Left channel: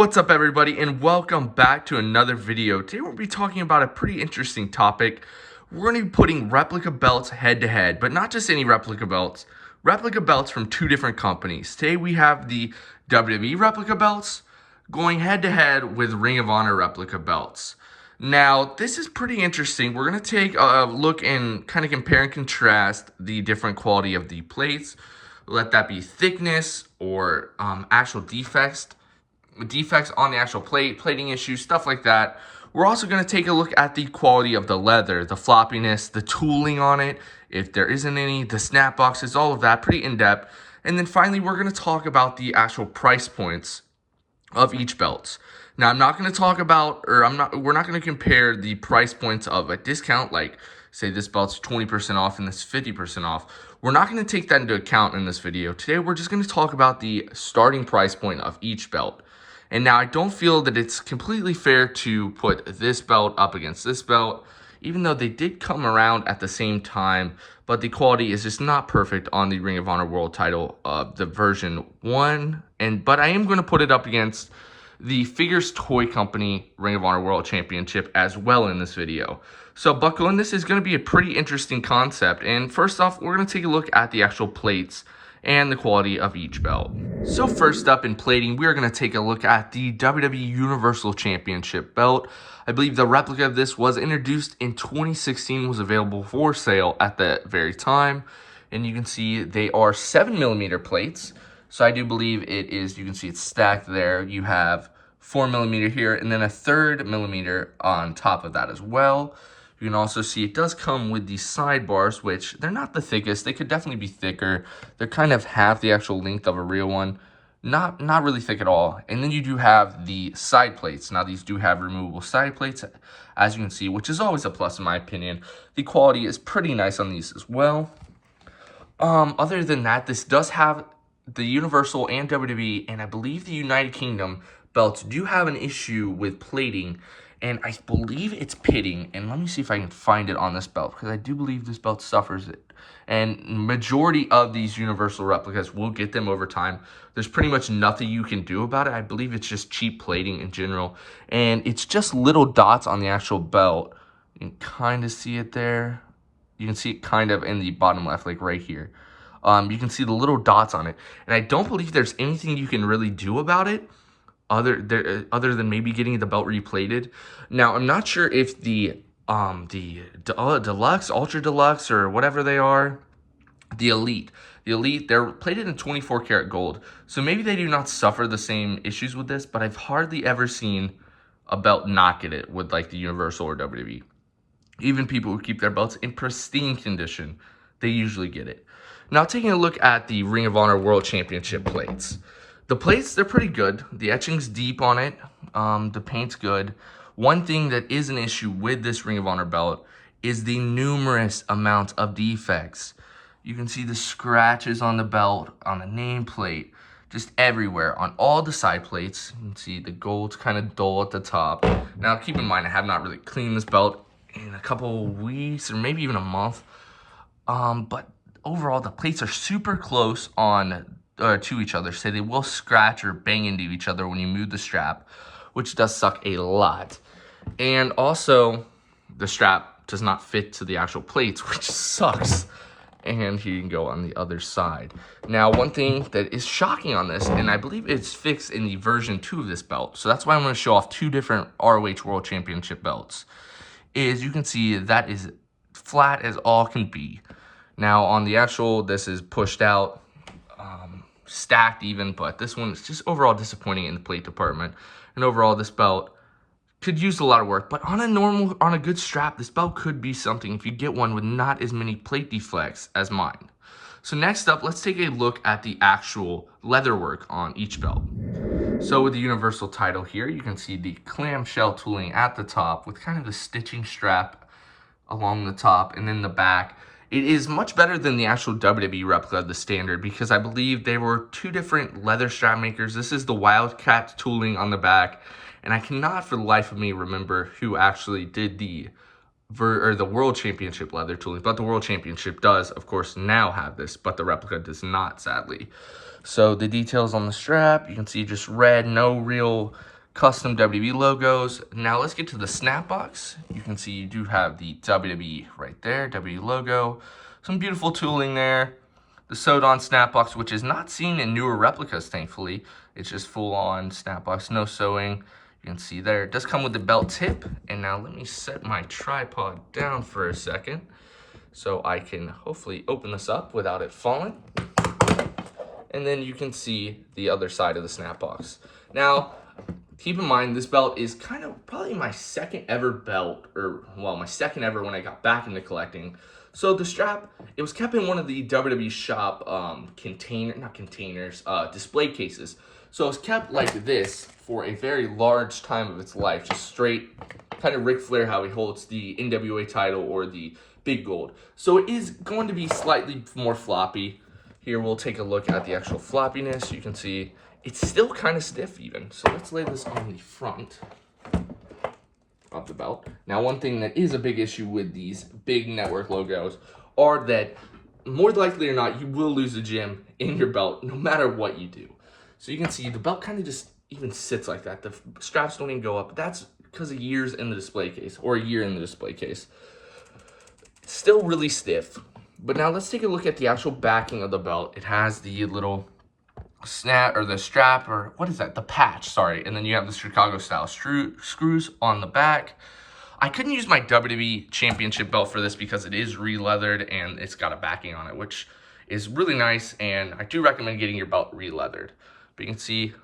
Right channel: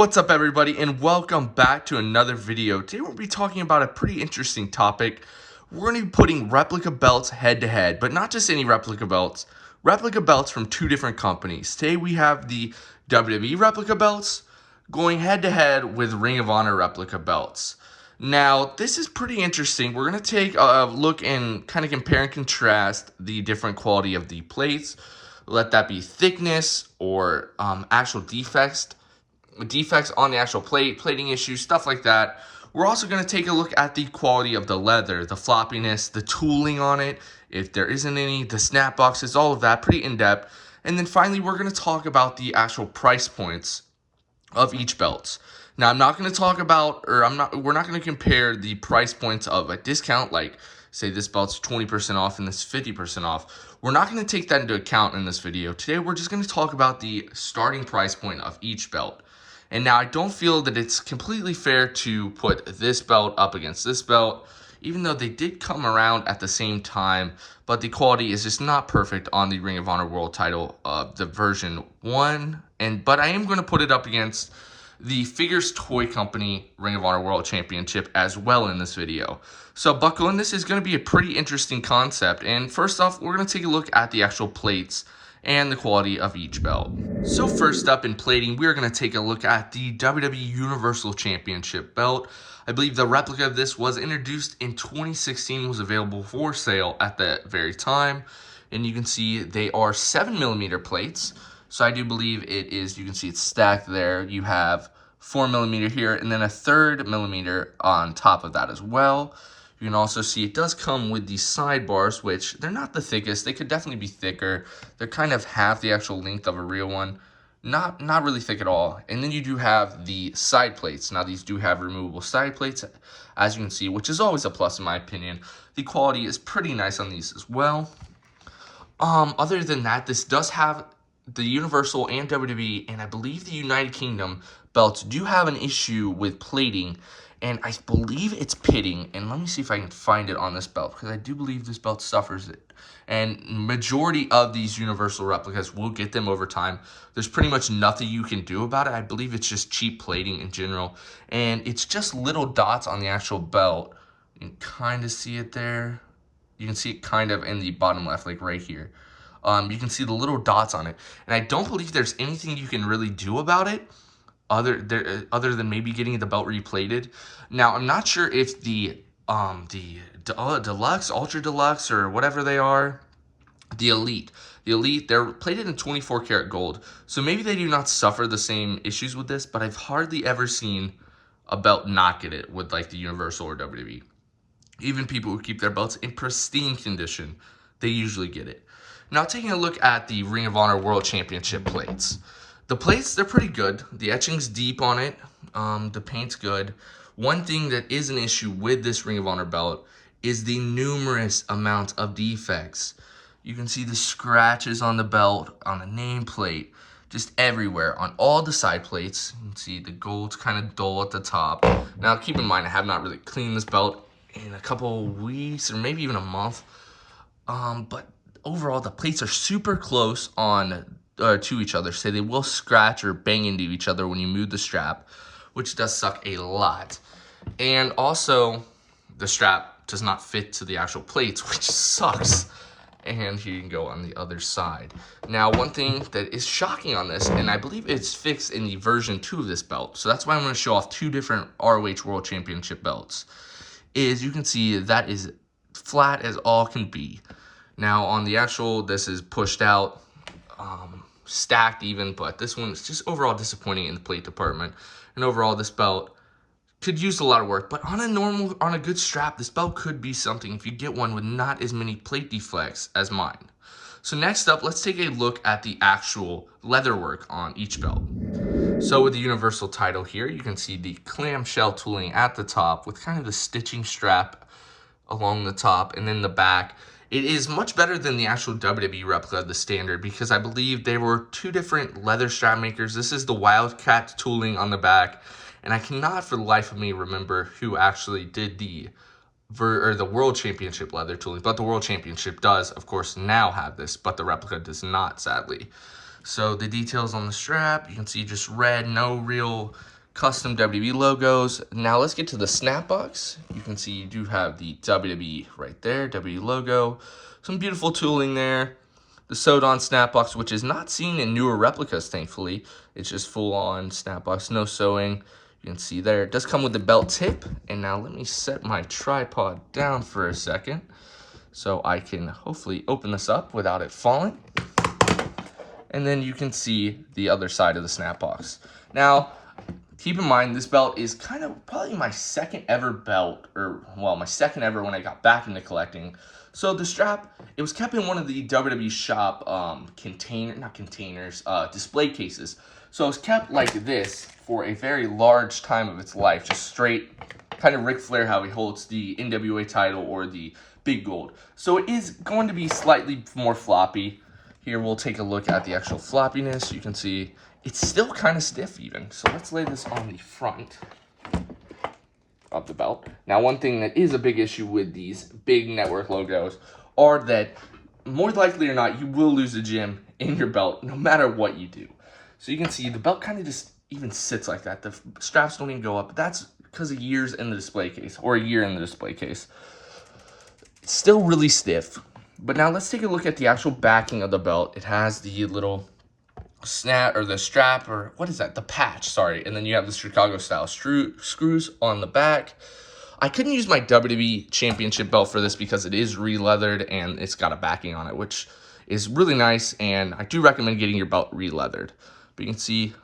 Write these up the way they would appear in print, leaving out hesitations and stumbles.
What's up, everybody, and welcome back to another video. Today we'll be talking about a pretty interesting topic. We're going to be putting replica belts head to head, but not just any replica belts from two different companies. Today we have the WWE Replica belts going head to head with Ring of Honor replica belts. Now, this is pretty interesting. We're going to take a look and kind of compare and contrast the different quality of the plates. Let that be thickness or actual defects on the actual plating issues, stuff like that. We're also going to take a look at the quality of the leather, the floppiness, the tooling on it, if there isn't any, the snap boxes, all of that, pretty in-depth. And then finally, we're going to talk about the actual price points of each belt. Now, I'm not going to talk about, we're not going to compare the price points of a discount, like say this belt's 20% off and this 50% off. We're not going to take that into account in this video. Today, we're just going to talk about the starting price point of each belt. And now I don't feel that it's completely fair to put this belt up against this belt, even though they did come around at the same time, but the quality is just not perfect on the Ring of Honor World title of the version 1. But I am going to put it up against the Figures Toy Company Ring of Honor World Championship as well in this video. So buckle in, this is going to be a pretty interesting concept. And first off, we're going to take a look at the actual plates and the quality of each belt. So first up in plating, we are going to take a look at the WWE Universal Championship belt. I believe the replica of this was introduced in 2016, was available for sale at the very time. And you can see they are 7mm plates. So I do believe it is, you can see it's stacked there. You have 4mm here and then a 3mm on top of that as well. You can also see it does come with these sidebars, which they're not the thickest. They could definitely be thicker. They're kind of half the actual length of a real one. Not really thick at all. And then you do have the side plates. Now, these do have removable side plates, as you can see, which is always a plus in my opinion. The quality is pretty nice on these as well. Other than that, this does have the Universal and WWE, and I believe the United Kingdom belts do have an issue with plating. And I believe it's pitting. And let me see if I can find it on this belt, because I do believe this belt suffers it. And majority of these Universal replicas will get them over time. There's pretty much nothing you can do about it. I believe it's just cheap plating in general. And it's just little dots on the actual belt. You can kind of see it there. You can see it kind of in the bottom left, like right here. You can see the little dots on it. And I don't believe there's anything you can really do about it, other than maybe getting the belt replated. Now, I'm not sure if the deluxe, ultra deluxe, or whatever they are, the elite, they're plated in 24 karat gold. So maybe they do not suffer the same issues with this, but I've hardly ever seen a belt not get it with like the Universal or WWE. Even people who keep their belts in pristine condition, they usually get it. Now, taking a look at the Ring of Honor World Championship plates. The plates, they're pretty good. The etching's deep on it. The paint's good. One thing that is an issue with this Ring of Honor belt is the numerous amounts of defects. You can see the scratches on the belt, on the nameplate, just everywhere. On all the side plates, you can see the gold's kind of dull at the top. Now, keep in mind, I have not really cleaned this belt in a couple of weeks or maybe even a month. But overall, the plates are super close on to each other, so they will scratch or bang into each other when you move the strap, which does suck a lot. And also, the strap does not fit to the actual plates, which sucks. And here you can go on the other side. Now, one thing that is shocking on this, and I believe it's fixed in the version 2 of this belt, so that's why I'm going to show off two different ROH World Championship belts, is you can see that is flat as all can be. Now, on the actual, this is pushed out, stacked even, but this one is just overall disappointing in the plate department. And overall, this belt could use a lot of work, but on a good strap, this belt could be something if you get one with not as many plate deflects as mine. So next up, let's take a look at the actual leather work on each belt. So with the Universal title here, you can see the clamshell tooling at the top with kind of the stitching strap along the top and then the back. It is much better than the actual WWE replica, the standard, because I believe there were two different leather strap makers. This is the Wildcat tooling on the back, and I cannot for the life of me remember who actually did the World Championship leather tooling, but the World Championship does, of course, now have this, but the replica does not, sadly. So the details on the strap, you can see just red, no real custom WWE logos. Now let's get to the snap box. You can see you do have the WWE right there, WWE logo. Some beautiful tooling there. The sewed-on snap box, which is not seen in newer replicas, thankfully. It's just full-on snap box, no sewing. You can see there, it does come with the belt tip. And now let me set my tripod down for a second so I can hopefully open this up without it falling. And then you can see the other side of the snap box. Now, keep in mind, this belt is kind of probably my second ever belt, or well, my second ever when I got back into collecting. So the strap, it was kept in one of the WWE shop display cases. So it was kept like this for a very large time of its life, just straight, kind of Ric Flair how he holds the NWA title or the Big Gold. So it is going to be slightly more floppy. Here we'll take a look at the actual floppiness. You can see it's still kind of stiff even. So let's lay this on the front of the belt. Now, one thing that is a big issue with these big network logos are that more likely or not, you will lose a gem in your belt no matter what you do. So you can see the belt kind of just even sits like that. The straps don't even go up. That's because of years in the display case, or a year in the display case. It's still really stiff. But now let's take a look at the actual backing of the belt. It has the little snap, or the strap, or what is that? The patch, sorry. And then you have the Chicago style screws on the back. I couldn't use my WWE Championship belt for this because it is re-leathered and it's got a backing on it, which is really nice. And I do recommend getting your belt re-leathered. But you can see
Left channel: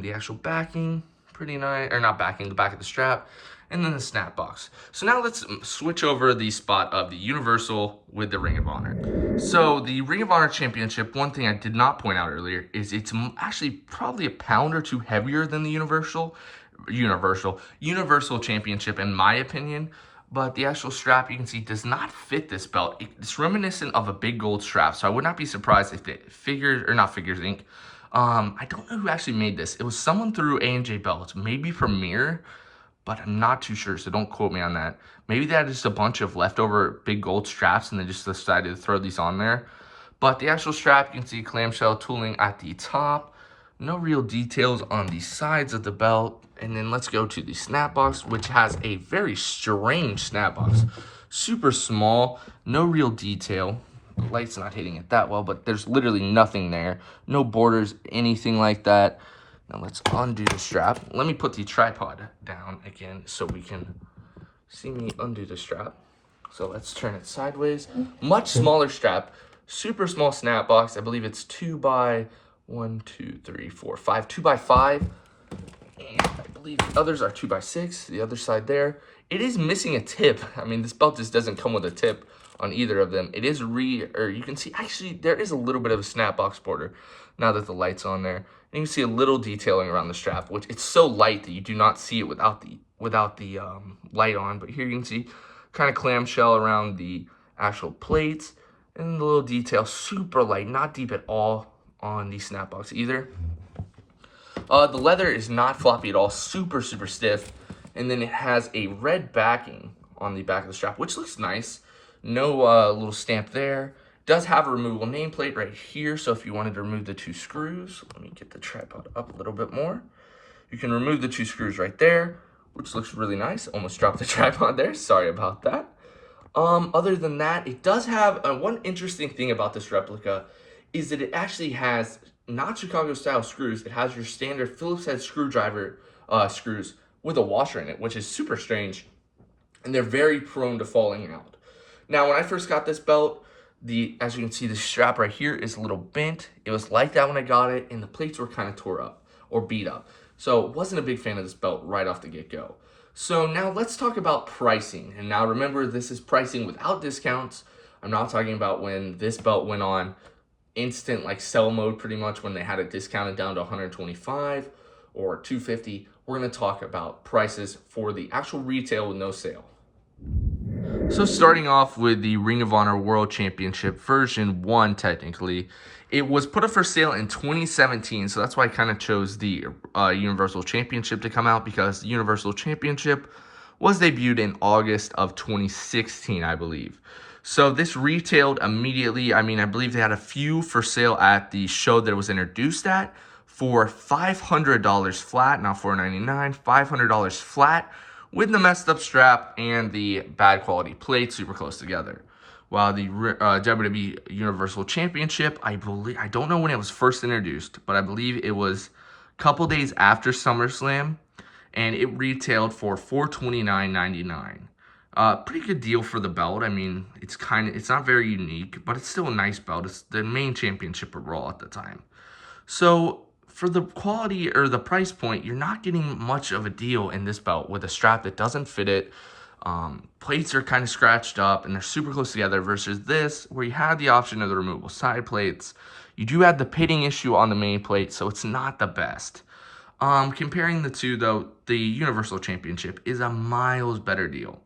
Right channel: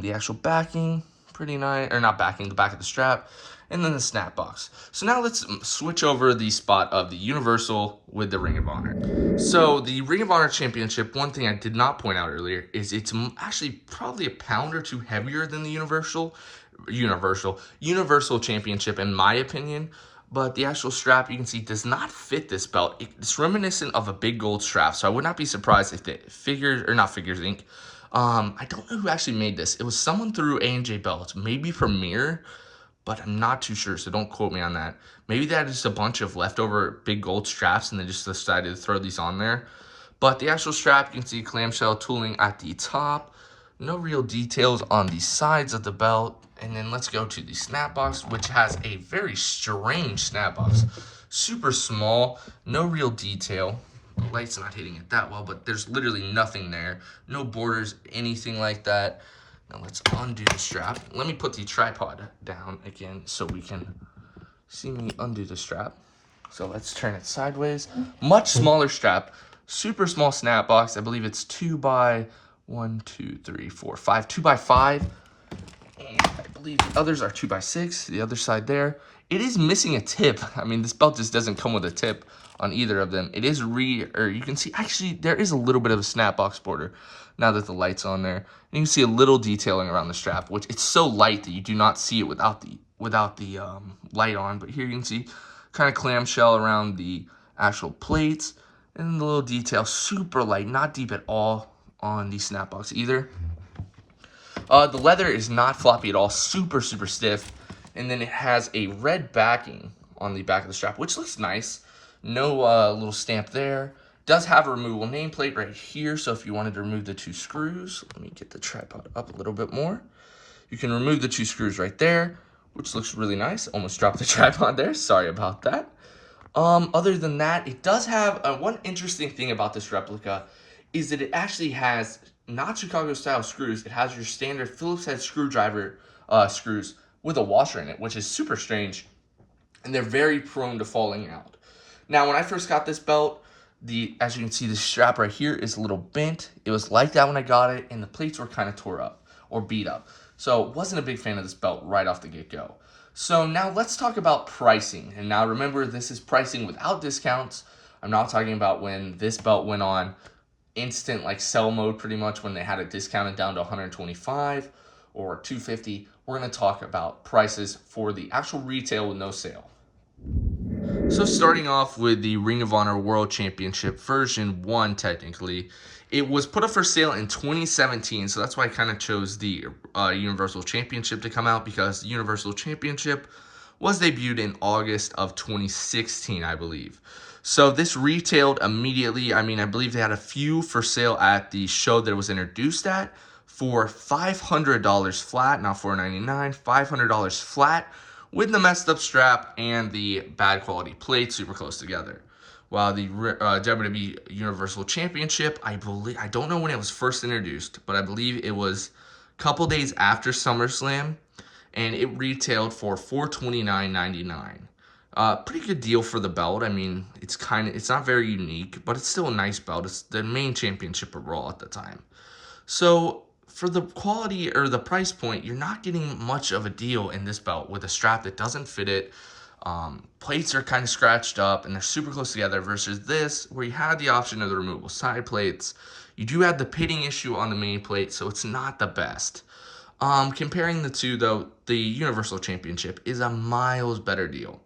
the actual backing, pretty nice, or not backing, the back of the strap. And then the snap box. So now let's switch over the spot of the Universal with the Ring of Honor. So the Ring of Honor Championship, one thing I did not point out earlier is it's actually probably a pound or two heavier than the Universal Championship in my opinion. But the actual strap, you can see, does not fit this belt. It's reminiscent of a Big Gold strap, so I would not be surprised if the Figures Inc. I don't know who actually made this. It was someone through A&J Belts, maybe Premier, but I'm not too sure, so don't quote me on that. Maybe they had just a bunch of leftover Big Gold straps and they just decided to throw these on there. But the actual strap, you can see clamshell tooling at the top. No real details on the sides of the belt. And then let's go to the snap box, which has a very strange snap box. Super small, no real detail. The light's not hitting it that well, but there's literally nothing there. No borders, anything like that. Now let's undo the strap. Let me put the tripod down again so we can see me undo the strap. So let's turn it sideways. Much smaller strap, super small snap box. I believe it's 2 by 1, 2, 3, 4, 5, 2 by 5. And I believe the others are 2 by 6. The other side there. It is missing a tip. I mean, this belt just doesn't come with a tip on either of them. It is you can see, actually, there is a little bit of a snap box border now that the light's on there. And you can see a little detailing around the strap, which it's so light that you do not see it without the light on. But here you can see kind of clamshell around the actual plates, and the little detail, super light, not deep at all on the snap box either. The leather is not floppy at all, super stiff. And then it has a red backing on the back of the strap, which looks nice. No little stamp there. Does have a removable nameplate right here, so if you wanted to remove the 2 screws, let me get the tripod up a little bit more. You can remove the 2 screws right there, which looks really nice. Almost dropped the tripod there, sorry about that. Other than that, it does have, one interesting thing about this replica is that it actually has not Chicago style screws. It has your standard Phillips head screwdriver screws with a washer in it, which is super strange, and they're very prone to falling out. Now, when I first got this belt, as you can see, the strap right here is a little bent. It was like that when I got it, and the plates were kind of tore up or beat up. So wasn't a big fan of this belt right off the get-go. So now let's talk about pricing. And now remember, this is pricing without discounts. I'm not talking about when this belt went on instant like sell mode, pretty much when they had it discounted down to $125 or $250. We're going to talk about prices for the actual retail with no sale. So starting off with the Ring of Honor World Championship version 1, technically, it was put up for sale in 2017, so that's why I kind of chose the Universal Championship to come out, because the Universal Championship was debuted in August of 2016, I believe. So this retailed immediately. I mean, I believe they had a few for sale at the show that it was introduced at for $500 flat, not $499, $500 flat with the messed up strap and the bad quality plate super close together. While the WWE Universal Championship, I don't know when it was first introduced, but I believe it was a couple days after SummerSlam, and it retailed for $429.99. Pretty good deal for the belt. I mean, it's not very unique, but it's still a nice belt. It's the main championship of Raw at the time. So for the quality or the price point, you're not getting much of a deal in this belt with a strap that doesn't fit it. Plates are kind of scratched up and they're super close together versus this where you had the option of the removable side plates. You do have the pitting issue on the main plate, so it's not the best. Comparing the two though, the Universal Championship is a miles better deal.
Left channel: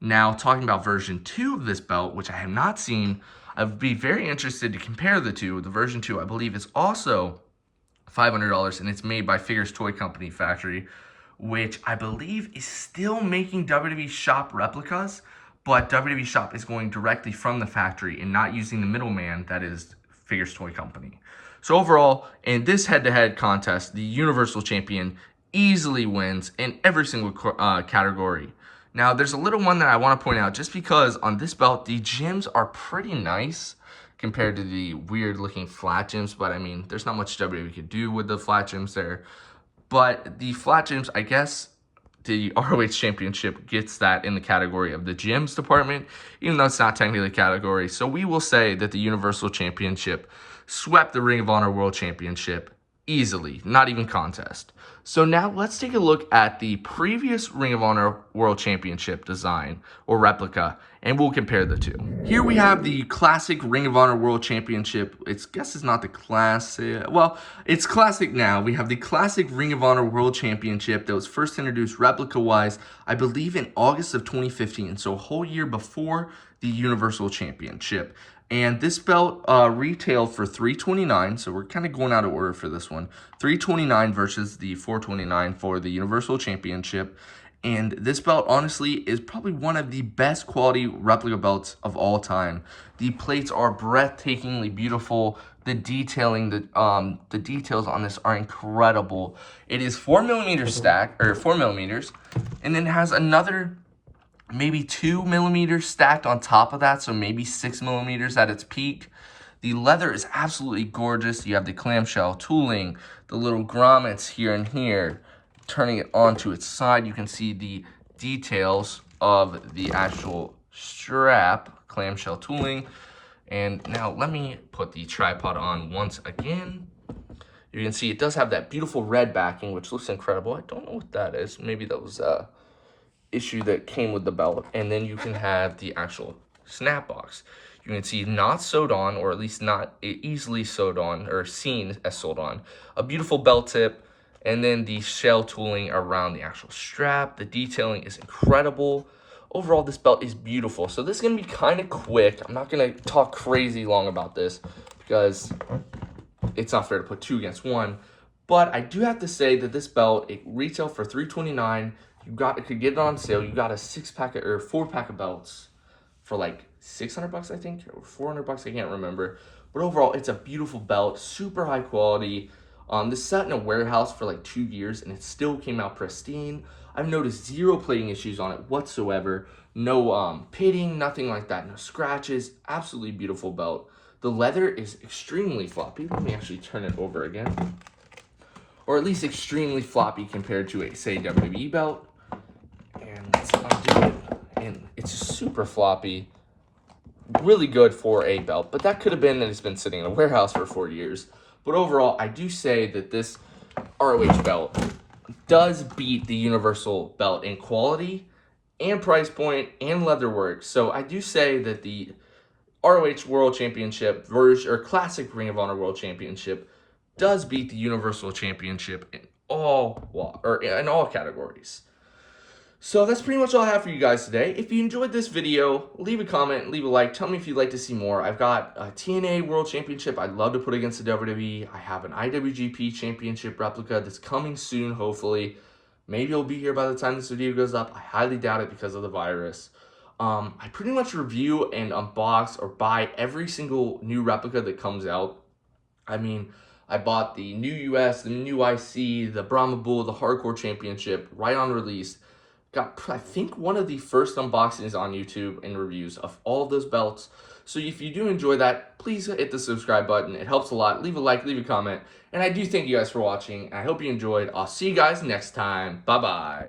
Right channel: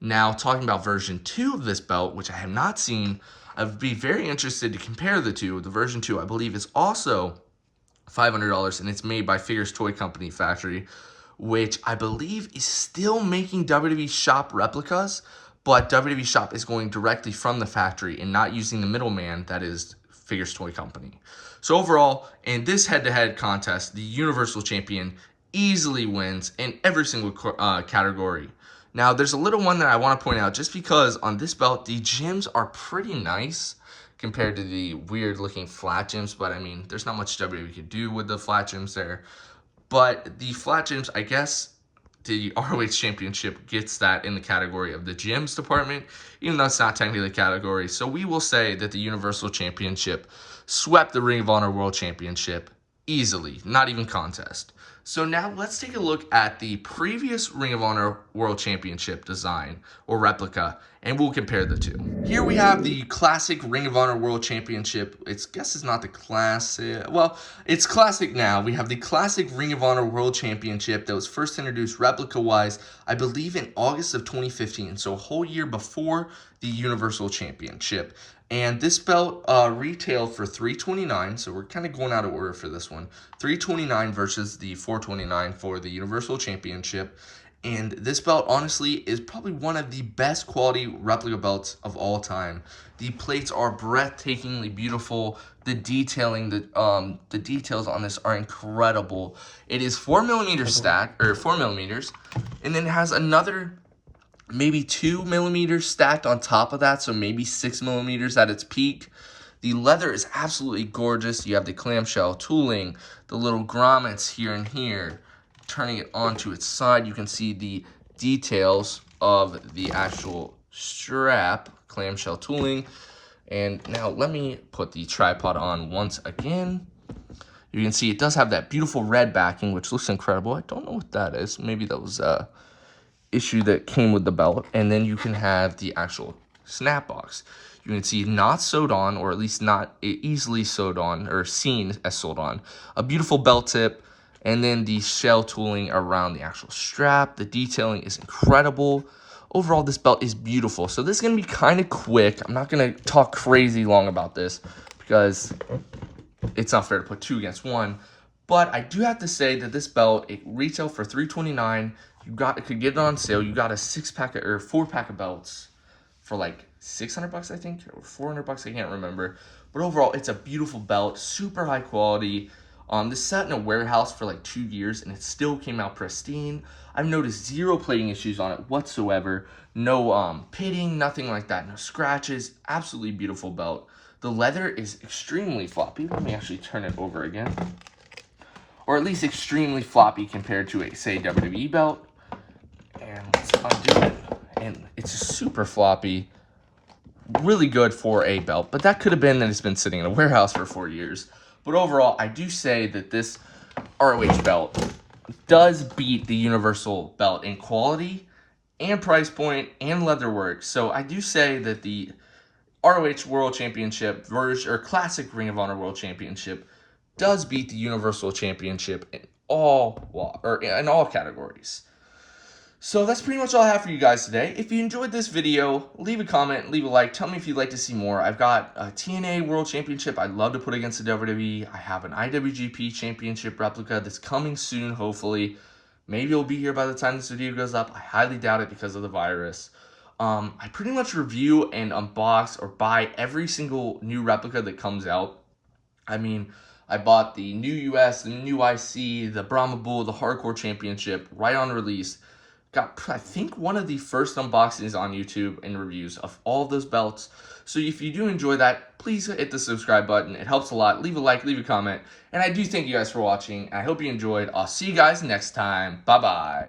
Now, talking about version 2 of this belt, which I have not seen, I would be very interested to compare the two. The version 2, I believe, is also $500, and it's made by Figures Toy Company Factory, which I believe is still making WWE Shop replicas, but WWE Shop is going directly from the factory and not using the middleman that is Figures Toy Company. So overall, in this head-to-head contest, the Universal Champion easily wins in every single category. Now, there's a little one that I want to point out just because on this belt, the gems are pretty nice compared to the weird-looking flat gems. But, I mean, there's not much WWE could do with the flat gems there. But the flat gems, I guess the ROH Championship gets that in the category of the gems department, even though it's not technically a category. So we will say that the Universal Championship swept the Ring of Honor World Championship easily, not even contest. So now let's take a look at the previous Ring of Honor World Championship design or replica, and we'll compare the two. Here we have the classic Ring of Honor World Championship. I guess it's not the classic. Well, it's classic now. We have the classic Ring of Honor World Championship that was first introduced replica-wise, I believe, in August of 2015. So a whole year before the Universal Championship. And this belt retailed for $329, so we're kind of going out of order for this one. $329 versus the $429 for the Universal Championship. And this belt, honestly, is probably one of the best quality replica belts of all time. The plates are breathtakingly beautiful. The detailing, the details on this are incredible. It is 4mm stack, or 4mm, and then it has another maybe 2mm stacked on top of that, so maybe 6mm at its peak. The leather is absolutely gorgeous. You have the clamshell tooling, the little grommets here and here. Turning it onto its side, you can see the details of the actual strap, clamshell tooling. And now let me put the tripod on once again. You can see it does have that beautiful red backing, which looks incredible. I don't know what that is. Maybe that was issue that came with the belt. And then you can have the actual snap box. You can see not sewed on, or at least not easily sewed on, or seen as sewed on. A beautiful belt tip, and then the shell tooling around the actual strap. The detailing is incredible. Overall, this belt is beautiful. So this is going to be kind of quick. I'm not going to talk crazy long about this because it's not fair to put two against one. But I do have to say that this belt, it retailed for $329. If you get it on sale, you got a 6-pack or 4-pack of belts for like $600, I think, or $400, I can't remember. But overall, it's a beautiful belt, super high quality. This sat in a warehouse for like 2 years and it still came out pristine. I've noticed zero plating issues on it whatsoever. No pitting, nothing like that. No scratches. Absolutely beautiful belt. The leather is extremely floppy. Let me actually turn it over again. Or at least extremely floppy compared to a, say, WWE belt. And let's undo it. And it's super floppy. Really good for a belt. But that could have been that it's been sitting in a warehouse for 4 years. But overall, I do say that this ROH belt does beat the Universal belt in quality and price point and leatherwork. So I do say that the ROH World Championship version, or Classic Ring of Honor World Championship, does beat the Universal Championship in all categories. So that's pretty much all I have for you guys today. If you enjoyed this video, leave a comment, leave a like. Tell me if you'd like to see more. I've got a TNA World Championship I'd love to put against the WWE. I have an IWGP Championship replica that's coming soon, hopefully. Maybe it'll be here by the time this video goes up. I highly doubt it because of the virus. I pretty much review and unbox or buy every single new replica that comes out. I mean, I bought the new US, the new IC, the Brahma Bull, the Hardcore Championship right on release. Got, I think, one of the first unboxings on YouTube and reviews of all of those belts. So if you do enjoy that, please hit the subscribe button. It helps a lot. Leave a like, leave a comment. And I do thank you guys for watching. And I hope you enjoyed. I'll see you guys next time. Bye-bye.